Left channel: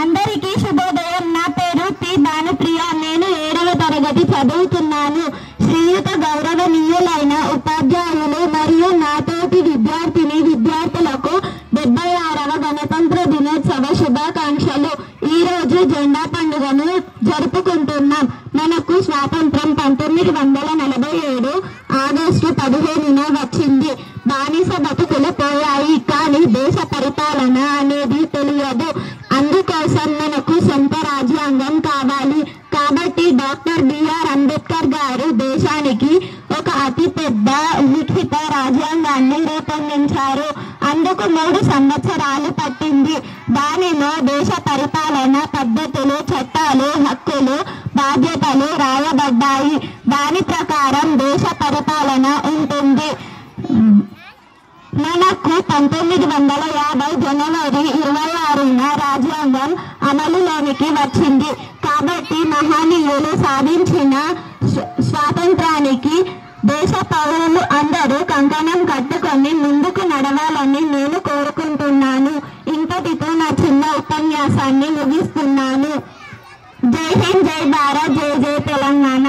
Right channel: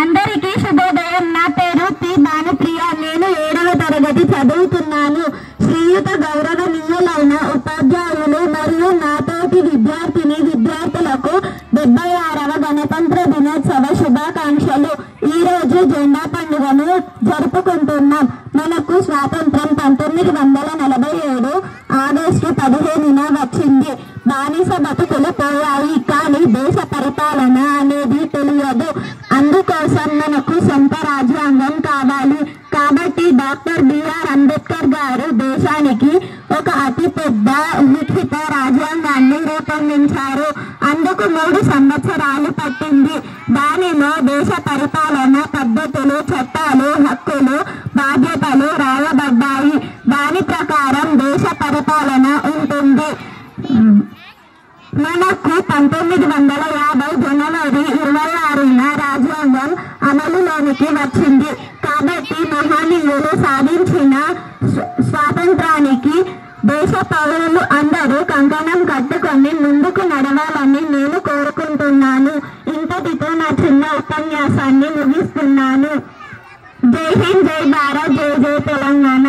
అందరికీ శుభోదయం. నా పేరు పి భానుప్రియ. నేను 7వ తరగతి చదువుతున్నాను. శ్రీయుత గౌరవనీయులైన ఉపాధ్యాయులు మరియు నాతోటి విద్యార్థులకు 76వ గణతంత్ర దినోత్సవ శుభాకాంక్షలు. ఈరోజు జెండా పండుగను జరుపుకుంటున్నాం. మనకు స్వాతంత్రం 1947 ఆగస్టు 15న వచ్చింది. బానిస బతుకులు పోయాయి, కానీ దేశ పరిపాలన అనేది తెలియదు. అందుకోసం మనకు సొంత రాజ్యాంగం కావాలి. కాబట్టి డాక్టర్ బిఆర్ అంబేద్కర్ గారు దేశానికి ఒక అతిపెద్ద లిఖిత రాజ్యాంగాన్ని రూపొందించారు. అందుకు 3 సంవత్సరాలు పట్టింది. దానిలో దేశ పరిపాలన పద్ధతులు, చట్టాలు, హక్కులు, బాధ్యతలు రాయబడ్డాయి. దాని ప్రకారం దేశ పరిపాలన ఉంటుంది. మనకు 1950 జనవరి 26న రాజ్యాంగం అమలులోనికి వచ్చింది. కాబట్టి మహనీయులు సాధించిన స్వాతంత్రానికి దేశ పౌరులు అందరూ కంకణం కట్టుకొని ముందుకు నడవాలని నేను కోరుకుంటున్నాను. ఇంతటితో నా చిన్న ఉపన్యాసాన్ని ముగిస్తున్నాను. జై హింద్, జై భారత్, జై జై తెలంగాణ.